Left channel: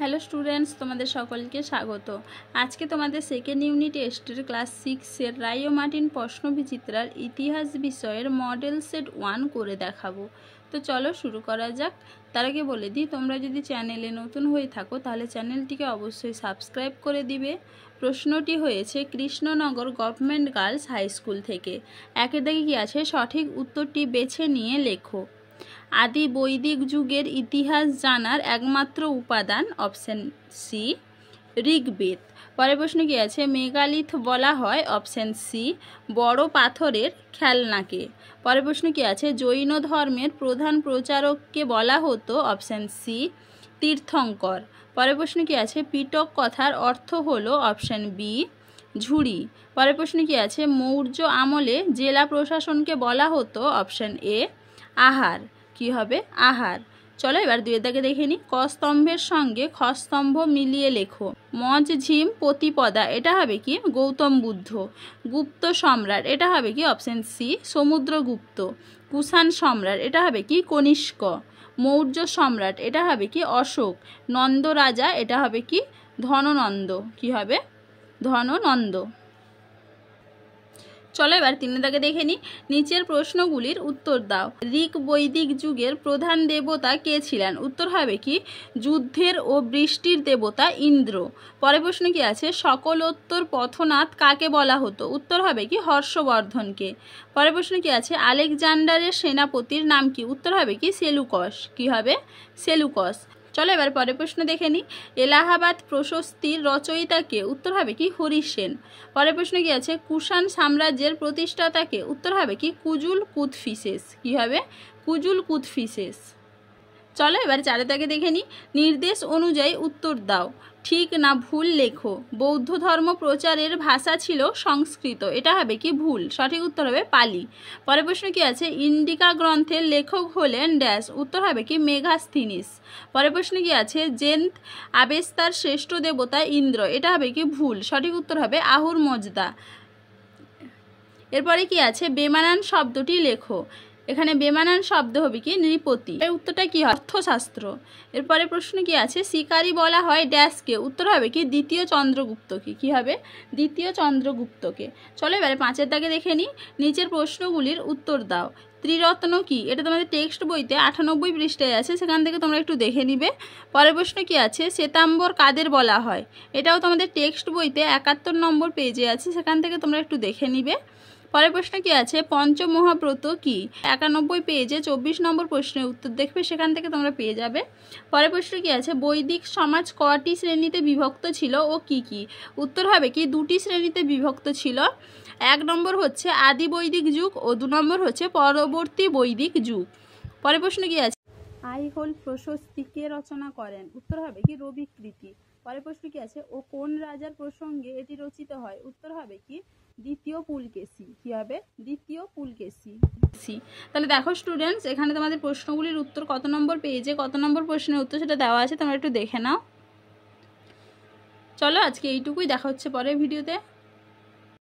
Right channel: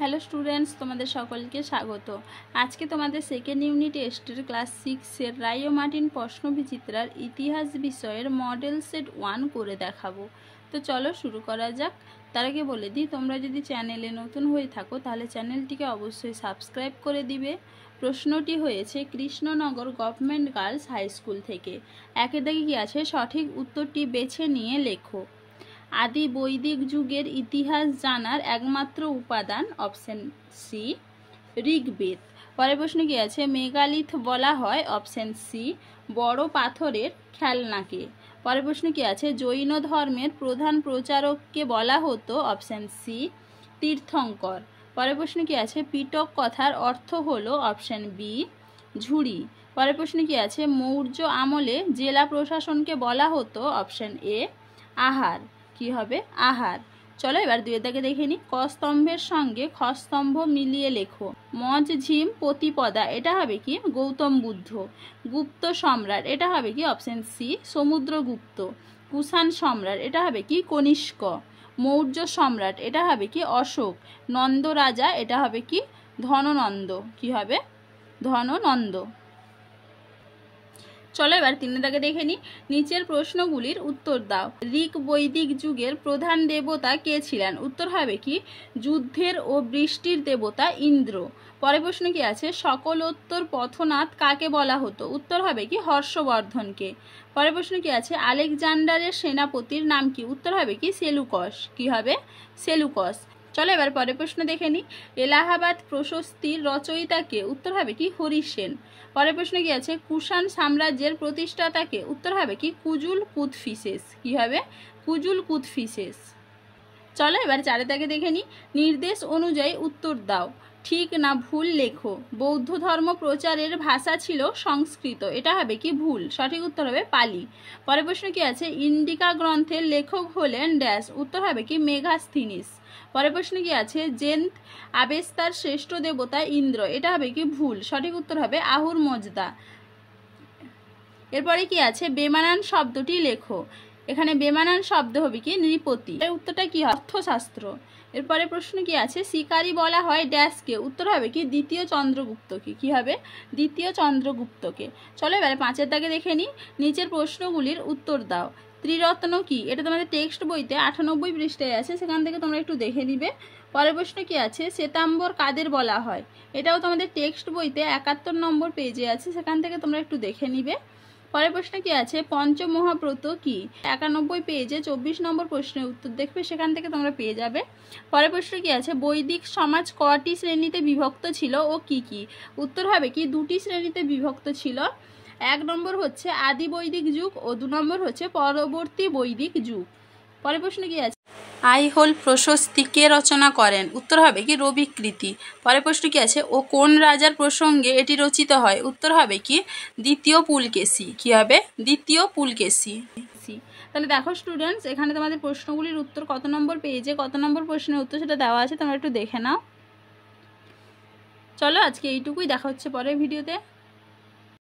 Hello students, তোমাদের সকলকে স্বাগত। আজকে তোমাদের সেকেন্ড ইউনিট টেস্টের ক্লাস 6-এর রায় ও মার্টিন প্রশ্নবিচিত্রার ইতিহাস বিষয়ের মডেল সেট 1 করে দেখাবো। তো চলো শুরু করা যাক। তার আগে বলে দিই, তোমরা যদি চ্যানেলে নতুন হয়ে থাকো তাহলে চ্যানেলটিকে অবশ্যই সাবস্ক্রাইব করে দিবে। প্রশ্নটি হয়েছে Krishnanagar government girls high school থেকে। একের দাগে কি আছে, সঠিক উত্তরটি বেছে নিয়ে লেখো। আদি বৈদিক যুগের ইতিহাস জানার একমাত্র উপাদান অপশন সি ঋগ্বেদ। পরের প্রশ্ন কি আছে, মেগালিথ বলা হয় অপশন সি বড় পাথরের খেলনাকে। পরের প্রশ্ন কি আছে, জৈন ধর্মের প্রধান প্রচারককে বলা হতো অপশন সি তীর্থঙ্কর। পরের প্রশ্ন কি আছে, পিটক কথার অর্থ হলো অপশন বি ঝুড়ি। পরের প্রশ্ন কি আছে, মৌর্য আমলে জেলা প্রশাসনকে বলা হতো অপশন এ আহার। কি হবে, আহার। চলো এবার দুয়ের দাগে দেখে নিই। ক স্তম্ভের সঙ্গে খ স্তম্ভ মিলিয়ে লেখো। মজঝিম প্রতিপদা, এটা হবে কি গৌতম বুদ্ধ। গুপ্ত সম্রাট, এটা হবে কি অপশন সি সমুদ্রগুপ্ত। কুষাণ সম্রাট, এটা হবে কি কনিষ্ক। মৌর্য সম্রাট, এটা হবে কি অশোক। নন্দ রাজা, এটা হবে কি ধননন্দ। কি হবে, ধননন্দ। চলো এবার তিনের দাগে দেখে নিই। নিচের প্রশ্নগুলির উত্তর দাও। ঋগ বৈদিক যুগের প্রধান দেবতা কে ছিলেন? উত্তর হবে কি যুদ্ধের ও বৃষ্টির দেবতা ইন্দ্র। পরের প্রশ্ন কি আছে, সকলোত্তর পথনাথ কাকে বলা হতো? উত্তর হবে কি হর্ষবর্ধনকে। পরের প্রশ্ন কি আছে, আলেকজান্ডারের সেনাপতির নাম কি? উত্তর হবে কি সেলুকস। কি হবে, সেলুকস। চলো এবার পরের প্রশ্ন দেখে নিই। এলাহাবাদ প্রশস্তির রচয়িতাকে? উত্তর হবে কি হরিসেন। পরের প্রশ্ন কি আছে, কুষাণ সাম্রাজ্যের প্রতিষ্ঠাতাকে? উত্তর হবে কি কুজুল কুতফিসেস। কি হবে, কুজুল কুতফিসেস। চলো এবার চারের দাগে দেখে নিই। নির্দেশ অনুযায়ী উত্তর দাও, ঠিক না ভুল লেখো। বৌদ্ধ ধর্ম প্রচারের ভাষা ছিল সংস্কৃত, এটা হবে কি ভুল। সঠিক উত্তর হবে পালি। পরের প্রশ্ন কি আছে, ইন্ডিকা গ্রন্থের লেখক হলেন ড্যাশ। উত্তর হবে কি মেগাস্থিনিস। পরের প্রশ্ন কি আছে, জেন্ট আবেস্তার শ্রেষ্ঠ দেবতা ইন্দ্র, এটা হবে কি ভুল। সঠিক উত্তর হবে আহুর মজদা। এরপরে কি আছে, বেমানান শব্দটি লেখো। এখানে বেমানান শব্দ হবে কি নৃপতি। এর উত্তরটা কি হয়, অর্থশাস্ত্র। এরপরে প্রশ্ন কি আছে, শিকারী বলা হয় ড্যাশকে? উত্তর হবে কি দ্বিতীয় চন্দ্রগুপ্তকে। কি হবে, দ্বিতীয় চন্দ্রগুপ্তকে। চলো এবারে পাঁচের দাগে দেখে নিই। নিচের প্রশ্নগুলির উত্তর দাও। ত্রিরত্ন কি? এটা তোমাদের টেক্সট বইতে 98 পৃষ্ঠায় আছে, সেখান থেকে তোমরা একটু দেখে নিবে। পরের প্রশ্ন কি আছে, শ্বেতাম্বর কাদের বলা হয়? এটাও তোমাদের টেক্সট বইতে 71 নম্বর পেজে আছে, সেখান থেকে তোমরা একটু দেখে নিবে। পরের প্রশ্ন কি আছে, পঞ্চমহাব্রত কি? 91 পেজে 24 নম্বর প্রশ্নের উত্তর দেখবে, সেখান থেকে তোমরা পেয়ে যাবে। পরের প্রশ্ন কি আছে, বৈদিক সমাজ কটি শ্রেণীতে বিভক্ত ছিল ও কি কি? উত্তর হবে কি দুটি শ্রেণীতে বিভক্ত ছিল। 1 নম্বর হচ্ছে আদি বৈদিক যুগ ও 2 নম্বর হচ্ছে পরবর্তী বৈদিক যুগ। পরের প্রশ্ন কি আছে, আইহোল প্রশস্তি কে রচনা করেন? উত্তর হবে কি রবিকৃতি। পরের প্রশ্ন কি আছে, ও কোন রাজার প্রসঙ্গে এটি রচিত হয়? উত্তর হবে কি দ্বিতীয় পুলকেশী। কি হবে, দ্বিতীয় পুলকেশী। তাহলে দেখো স্টুডেন্টস, এখানে তোমাদের প্রশ্নগুলির উত্তর কত নম্বর পেজে কত নম্বর প্রশ্নের উত্তর সেটা দেওয়া আছে, তোমরা একটু দেখে নাও। চলো আজকে এইটুকুই, দেখা হচ্ছে পরের ভিডিওতে।